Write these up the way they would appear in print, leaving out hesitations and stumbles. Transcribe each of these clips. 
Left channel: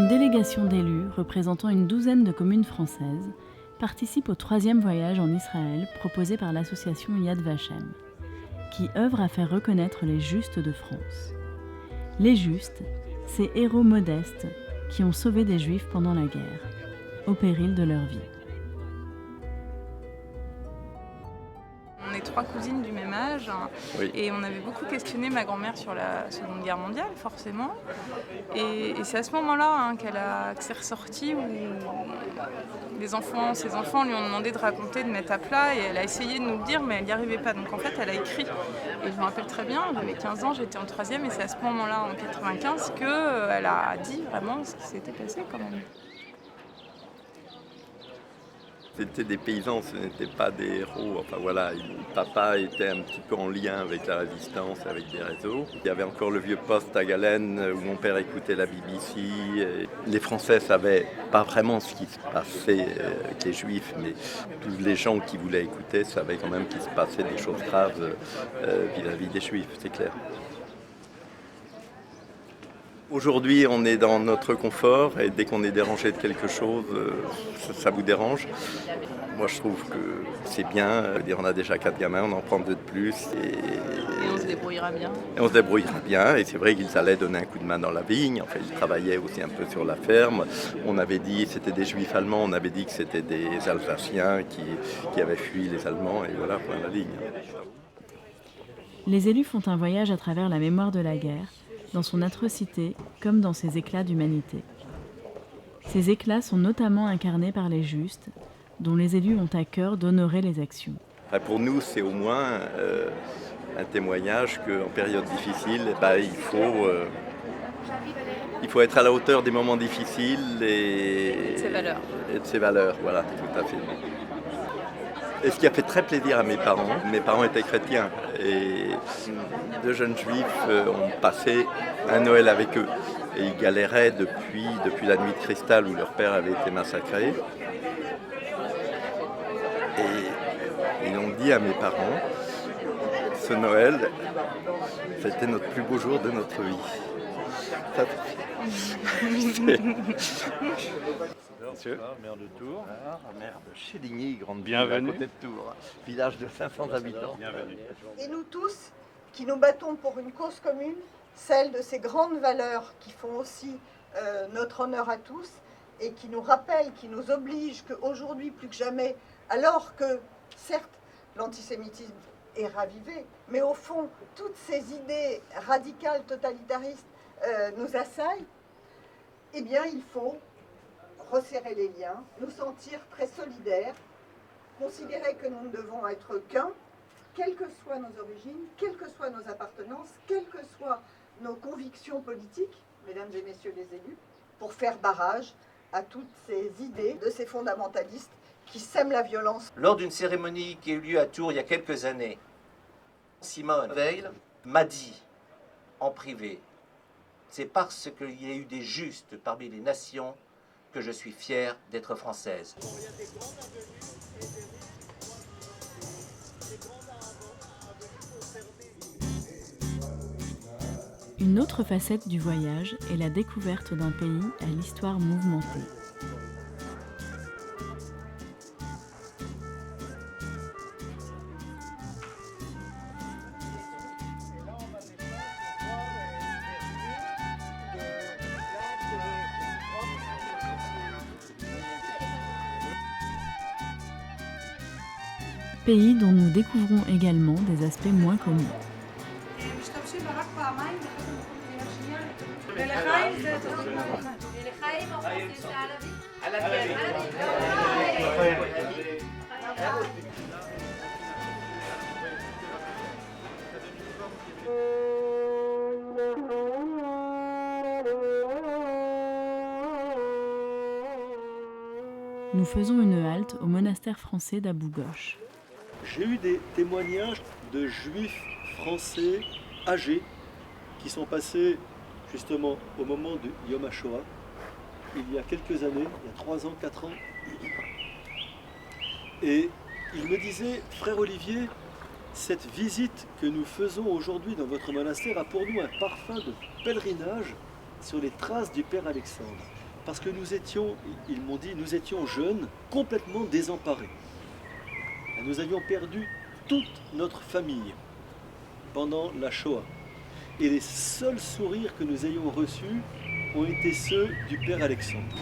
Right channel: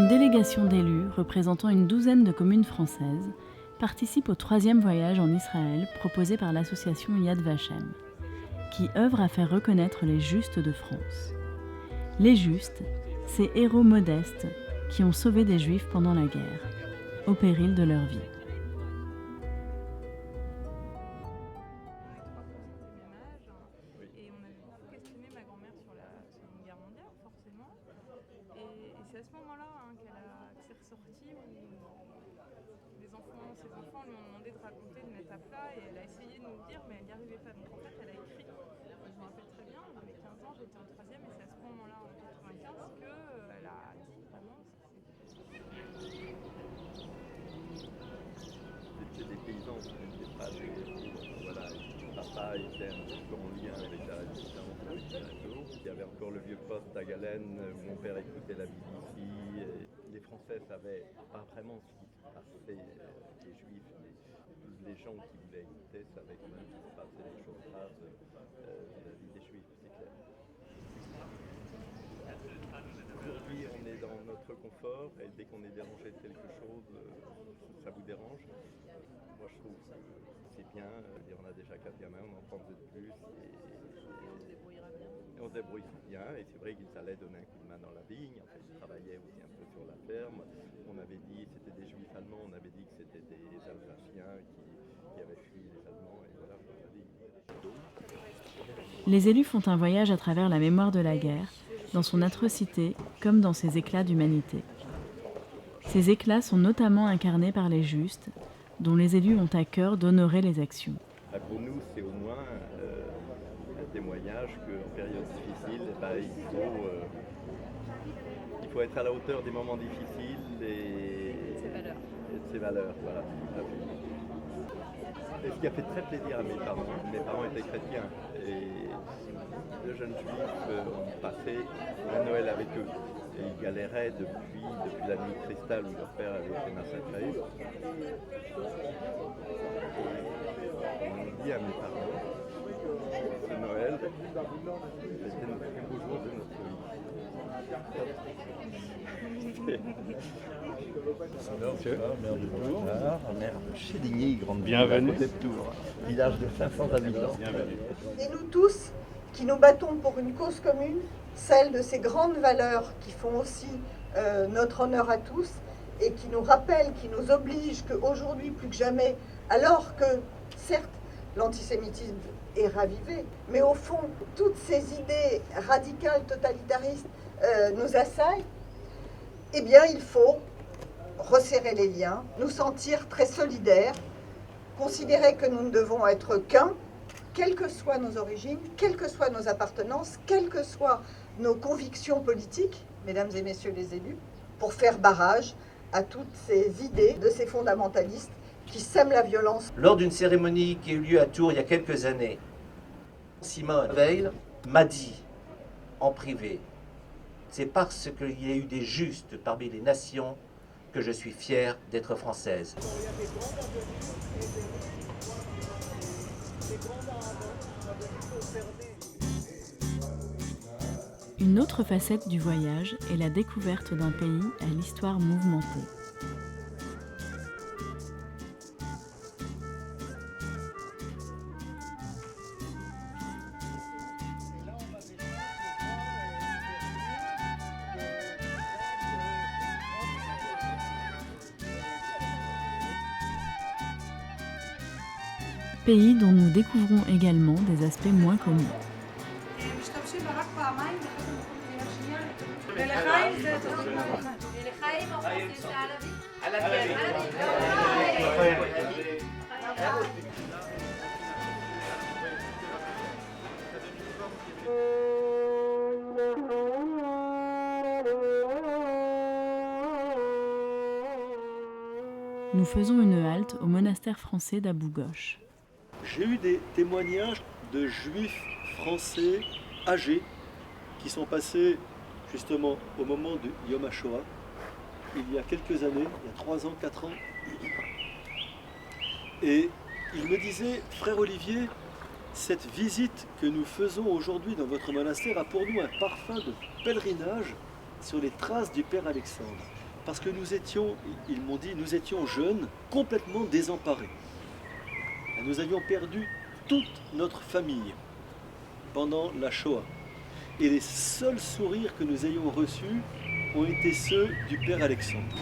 Une délégation d'élus représentant une douzaine de communes françaises participe au 3e voyage en Israël proposé par l'association Yad Vashem, qui œuvre à faire reconnaître les Justes de France. Les Justes, ces héros modestes qui ont sauvé des Juifs pendant la guerre, au péril de leur vie. On est 3 cousines du même âge, oui. Et on avait beaucoup questionné ma grand-mère sur la Seconde Guerre mondiale, forcément. Et c'est à ce moment-là que c'est ressorti, où ses enfants lui ont demandé de raconter, de mettre à plat, et elle a essayé de nous le dire, mais elle n'y arrivait pas. Donc en fait, elle a écrit. Et je me rappelle très bien, j'avais 15 ans, j'étais en 3e, et c'est à ce moment-là, en 95, qu'elle a dit vraiment ce qui s'était passé quand même. C'était des paysans, ce n'étaient pas des héros. Enfin voilà, papa était un petit peu en lien avec la résistance, avec des réseaux. Il y avait encore le vieux poste à Galen où mon père écoutait la BBC. Et les Français ne savaient pas vraiment ce qui se passait avec les Juifs, mais tous les gens qui voulaient écouter savaient quand même qu'il se passait des choses graves vis-à-vis des Juifs, c'est clair. Aujourd'hui, on est dans notre confort et dès qu'on est dérangé de quelque chose, ça vous dérange. Moi, je trouve que c'est bien. On a déjà 4 gamins, on en prend 2 de plus. Et on se débrouillera bien. Et on se débrouillera bien. Et c'est vrai qu'ils allaient donner un coup de main dans la vigne. Enfin, ils travaillaient aussi un peu sur la ferme. On avait dit, c'était des Juifs allemands, on avait dit que c'était des Alsaciens qui avaient fui les Allemands. Et voilà, point la ligne. Les élus font un voyage à travers la mémoire de la guerre, dans son atrocité comme dans ses éclats d'humanité. Ces éclats sont notamment incarnés par les Justes, dont les élus ont à cœur d'honorer les actions. Pour nous, c'est au moins un témoignage qu'en période difficile, il faut être à la hauteur des moments difficiles et de ses valeurs. Voilà, tout à fait. Et ce qui a fait très plaisir à mes parents étaient chrétiens et 2 jeunes juifs ont passé un Noël avec eux et ils galéraient depuis la nuit de cristal où leur père avait été massacré. Et ils ont dit à mes parents, ce Noël, c'était notre plus beau jour de notre vie. Monsieur, maire de Tours. Maire de Chédigny, grande ville à côté de Tours, village de 500 habitants. Et nous tous qui nous battons pour une cause commune, celle de ces grandes valeurs qui font aussi notre honneur à tous et qui nous rappellent, qui nous obligent qu'aujourd'hui plus que jamais, alors que certes l'antisémitisme est ravivé, mais au fond toutes ces idées radicales, totalitaristes nous assaillent, eh bien il faut resserrer les liens, nous sentir très solidaires, considérer que nous ne devons être qu'un, quelles que soient nos origines, quelles que soient nos appartenances, quelles que soient nos convictions politiques, mesdames et messieurs les élus, pour faire barrage à toutes ces idées de ces fondamentalistes qui sèment la violence. Lors d'une cérémonie qui a eu lieu à Tours il y a quelques années, Simone Veil m'a dit en privé, c'est parce qu'il y a eu des justes parmi les nations que je suis fière d'être française. Une autre facette du voyage est la découverte d'un pays à l'histoire mouvementée. Pays dont nous découvrons également des aspects moins connus. Nous faisons une halte au monastère français d'Abou Ghosh. J'ai eu des témoignages de juifs français âgés qui sont passés justement au moment du Yom HaShoah, il y a quelques années, il y a 3 ans, 4 ans. Et il me disait, frère Olivier, cette visite que nous faisons aujourd'hui dans votre monastère a pour nous un parfum de pèlerinage sur les traces du Père Alexandre. parce que nous étions, ils m'ont dit, nous étions jeunes, complètement désemparés. Nous avions perdu toute notre famille pendant la Shoah. Et les seuls sourires que nous ayons reçus ont été ceux du père Alexandre.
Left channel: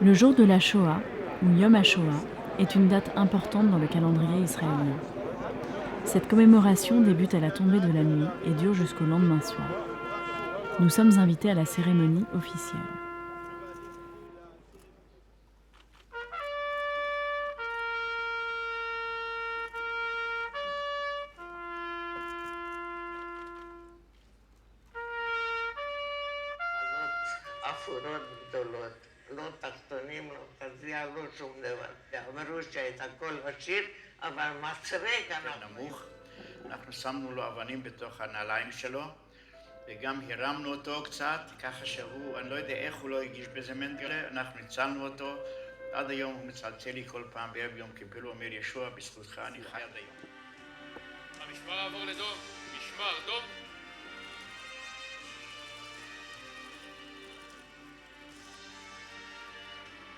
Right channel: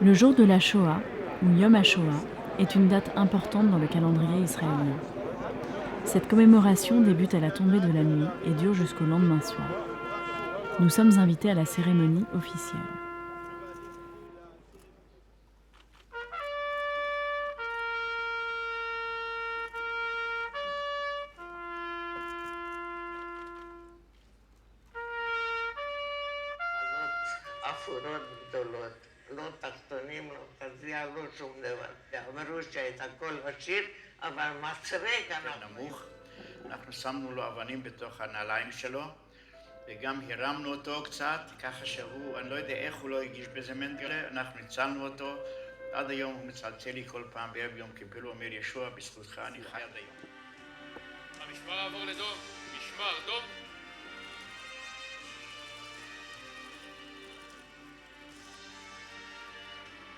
Le jour de la Shoah, ou Yom HaShoah, est une date importante dans le calendrier israélien. Cette commémoration débute à la tombée de la nuit et dure jusqu'au lendemain soir. Nous sommes invités à la cérémonie officielle. לא תחתונים, לא תזיע, לא שום דבר. אמרו שאת הכל עשיר, אבל מסרק אנחנו... נמוך. אנחנו שמנו לו אבנים בתוך הנעליים שלו, וגם הרמנו אותו קצת, ככה שהוא, אני לא יודע איך הוא לא הגיש בזה מנגלה, אנחנו ניצלנו אותו. עד היום הוא מצלצל לי כל פעם בערב יום כיפור, הוא אומר, ישוע, בזכותך אני חי עד היום. המשמר עבור לדום, משמר, דום.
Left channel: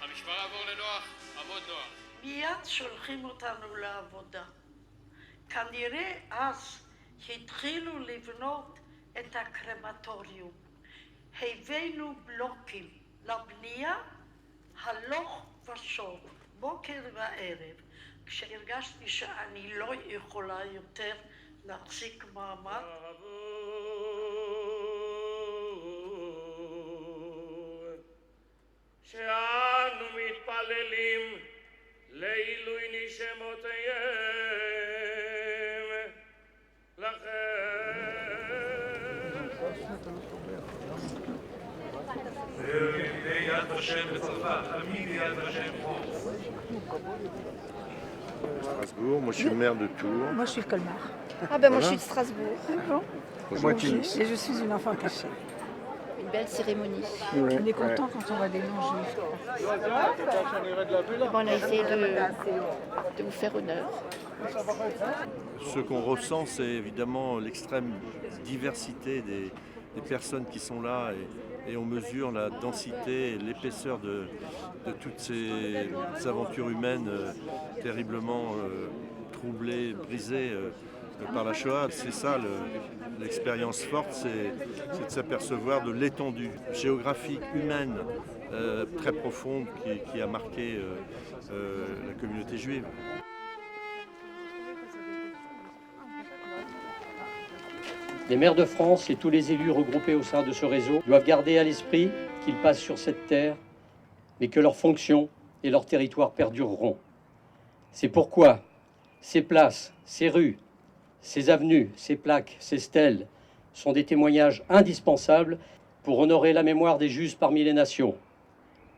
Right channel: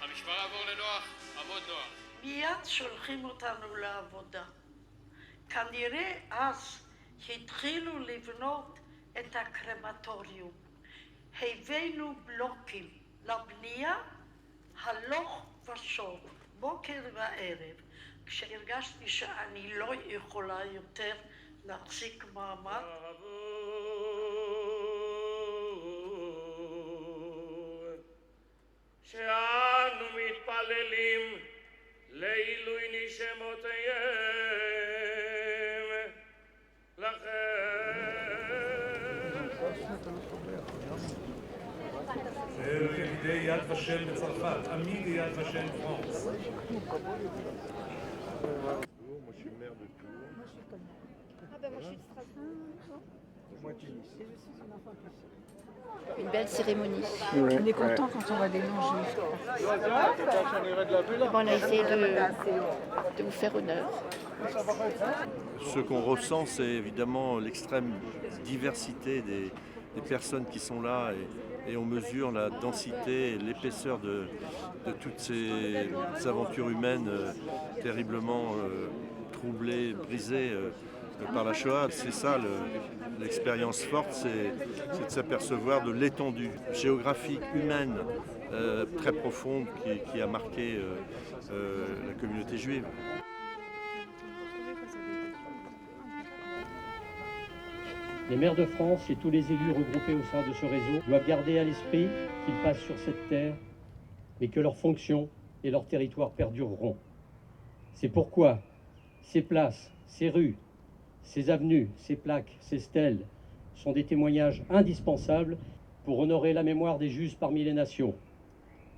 המשמר עבור לנוח, עמוד נוח. מיד שולחים אותנו לעבודה. כנראה אז התחילו לבנות את הקרמטוריום. הבאנו בלוקים לבנייה הלוך ושוב, בוקר וערב. כשהרגשתי שאני לא יכולה יותר להחזיק מעמד, שאנו מתפללים לעילוי נשמותיהם לכם. זהו ידידי יד ושם בצרפת, עמיד יד ושם פרנס. Moi, je suis le maire de Tours. Moi, je suis de Colmar. Ah ben moi, je suis de Strasbourg. Et je suis une enfant cachée. Une belle cérémonie. On est content quand on voit des non-juifs. On a essayé de vous faire honneur. Ce qu'on ressent, c'est évidemment l'extrême diversité des personnes qui sont là et on mesure la densité et l'épaisseur de toutes ces aventures humaines terriblement troublées, brisées par la Shoah. C'est ça l'expérience forte, c'est de s'apercevoir de l'étendue géographique, humaine, très profonde qui a marqué la communauté juive. Les maires de France et tous les élus regroupés au sein de ce réseau doivent garder à l'esprit qu'ils passent sur cette terre, mais que leurs fonctions et leurs territoires perdureront. C'est pourquoi ces places, ces rues, ces avenues, ces plaques, ces stèles sont des témoignages indispensables pour honorer la mémoire des justes parmi les nations,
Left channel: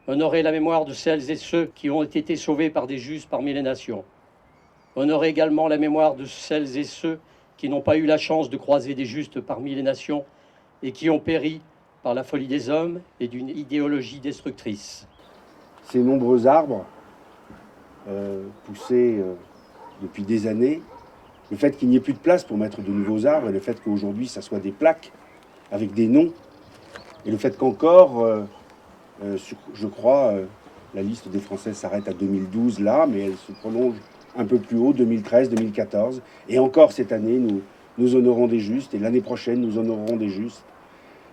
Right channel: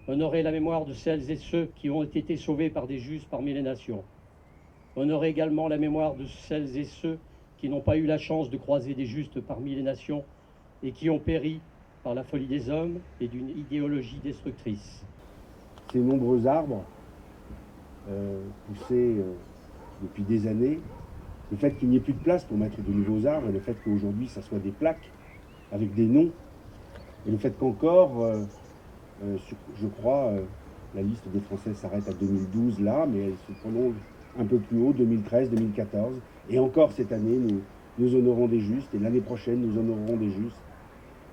honorer la mémoire de celles et ceux qui ont été sauvés par des justes parmi les nations, honorer également la mémoire de celles et ceux qui n'ont pas eu la chance de croiser des justes parmi les nations et qui ont péri par la folie des hommes et d'une idéologie destructrice. Ces nombreux arbres poussés depuis des années, le fait qu'il n'y ait plus de place pour mettre de nouveaux arbres et le fait qu'aujourd'hui ça soit des plaques avec des noms et le fait qu'encore, je crois, la liste des Français s'arrête à 2012 là, mais elle se prolonge un peu plus haut, 2013, 2014. Et encore cette année, nous honorons des justes, et l'année prochaine, nous honorerons des justes,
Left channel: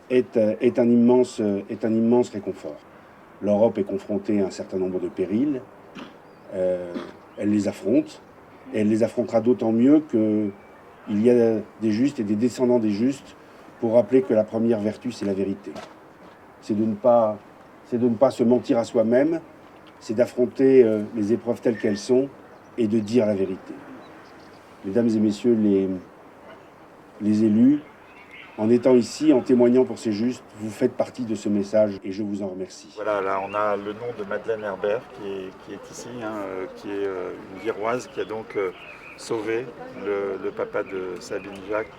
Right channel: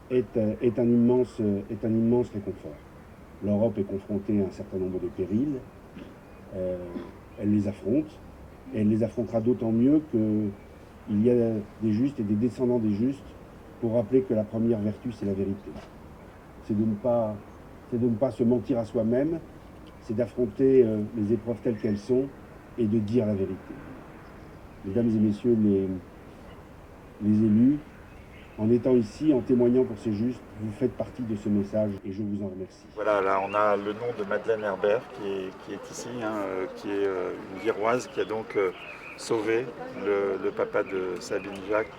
est un immense réconfort. L'Europe est confrontée à un certain nombre de périls. Elle les affronte, et elle les affrontera d'autant mieux qu'il y a des justes et des descendants des justes pour rappeler que la première vertu, c'est la vérité. C'est de ne pas se mentir à soi-même, c'est d'affronter les épreuves telles qu'elles sont, et de dire la vérité. Mesdames et messieurs les élus, en étant ici, en témoignant pour ces justes, vous faites partie de ce message et je vous en remercie. Voilà, là on a le nom de Madeleine Herbert qui est ici, qui est une Viroise qui a donc sauvé le papa de Sabine Jacques.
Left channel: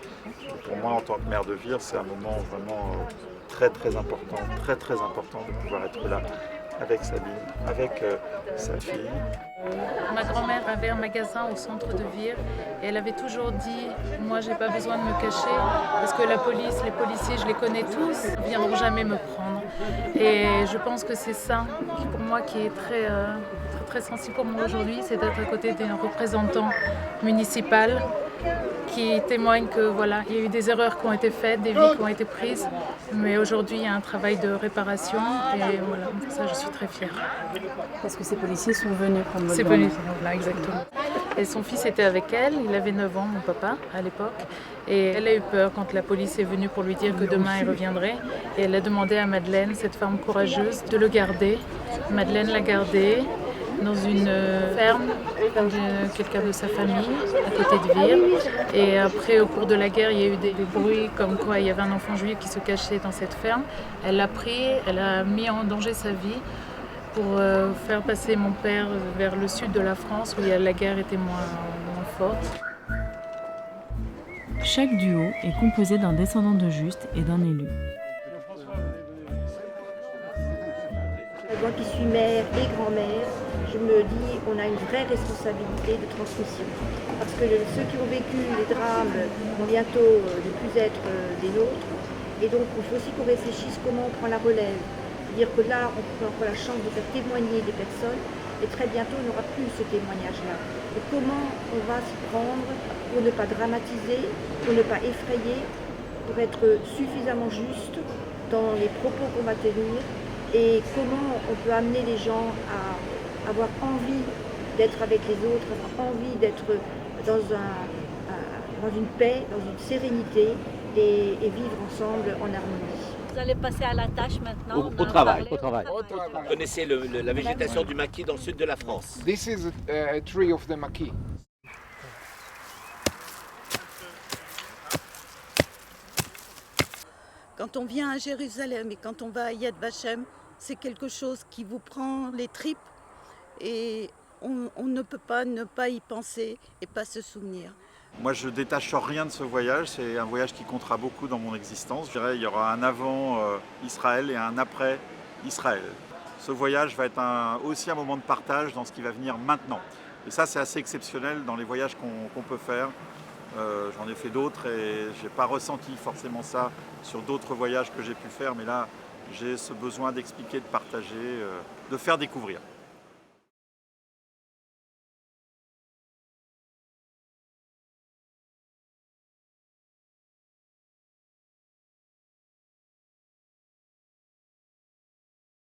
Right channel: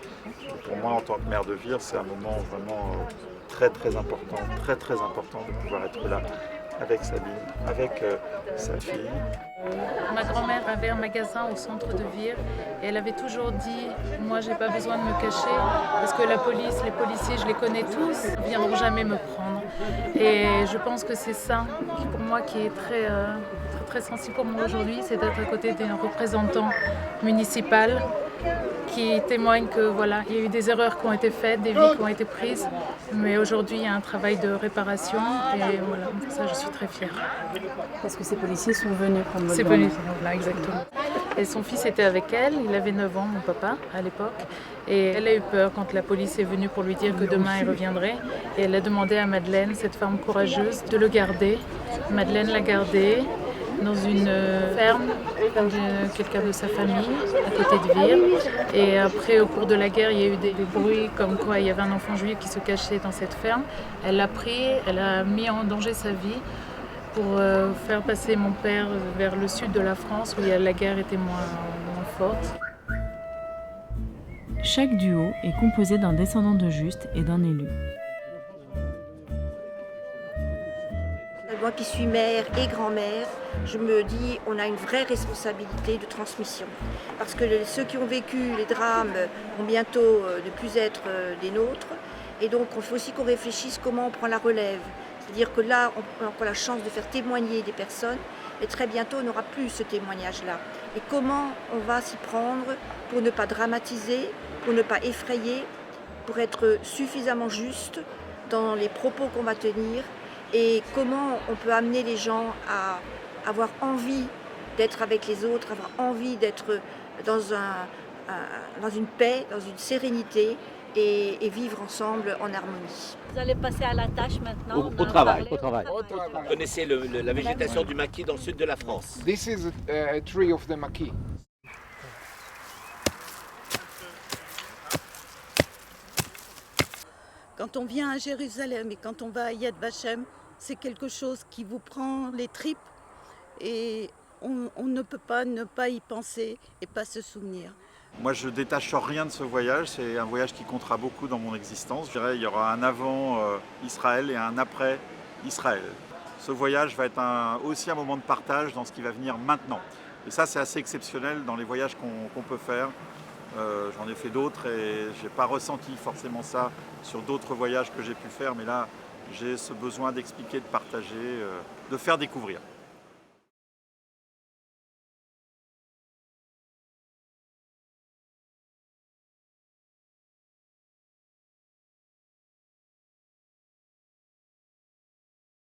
Pour moi, en tant que maire de Vire, c'est un moment vraiment très important de pouvoir être là avec Sabine, avec sa fille. Ma grand-mère avait un magasin au centre de Vire et elle avait toujours dit « Moi, j'ai pas besoin de me cacher parce que la police, les policiers, je les connais tous, ils ne viendront jamais me prendre. » Et je pense que c'est ça, pour moi, qui est très sensible pour moi aujourd'hui, c'est d'être à côté d'un représentant municipal qui témoigne que voilà, il y a eu des erreurs qui ont été faites, des vies qui ont été prises, mais aujourd'hui il y a un travail de réparation et voilà, pour ça je suis très fière. Parce que ces policiers sont venus prendre votre C'est grand-mère. venu, voilà, exactement. Et son fils était avec elle, il avait 9 ans, mon papa, à l'époque. Et elle a eu peur quand la police est venue pour lui dire que demain il reviendrait. Et elle a demandé à Madeleine, cette femme courageuse, de le garder. Madeleine l'a gardé dans une ferme de quelqu'un de sa famille, à côté de Vire. Et après, au cours de la guerre, il y a eu des bruits comme quoi il y avait un enfant juif qui se cachait dans cette ferme. Elle l'a pris, elle a mis en danger sa vie pour faire passer mon père vers le sud de la France où la guerre était moins forte. Chaque duo est composé d'un descendant de Juste et d'un élu. Moi qui suis mère et grand-mère, je me dis on a une vraie responsabilité de transmission. Parce que ceux qui ont vécu les drames vont bientôt ne plus être des nôtres. Et donc il faut aussi qu'on réfléchisse comment on prend la relève. C'est-à-dire que là, on a la chance de faire témoigner des personnes et très bientôt on n'aura plus ce témoignage-là. Et comment on va s'y prendre pour ne pas dramatiser, pour ne pas effrayer, pour être suffisamment juste dans les propos qu'on va tenir et comment on peut amener les gens à avoir envie d'être avec les autres, avoir envie d'être dans une paix, dans une sérénité et vivre ensemble en harmonie. Vous allez passer à la tâche maintenant. Au travail. Vous connaissez la végétation du maquis dans le sud de la France. This is a tree of the maquis. Quand on vient à Jérusalem et quand on va à Yad Vashem, c'est quelque chose qui vous prend les tripes et on ne peut pas ne pas y penser et pas se souvenir. Moi, je détache rien de ce voyage. C'est un voyage qui comptera beaucoup dans mon existence. Je dirais qu'il y aura un avant Israël et un après Israël. Ce voyage va être aussi un moment de partage dans ce qui va venir maintenant. Et ça, c'est assez exceptionnel dans les voyages qu'on peut faire. J'en ai fait d'autres et je n'ai pas ressenti forcément ça sur d'autres voyages que j'ai pu faire. Mais là, j'ai ce besoin d'expliquer, de partager, de faire découvrir.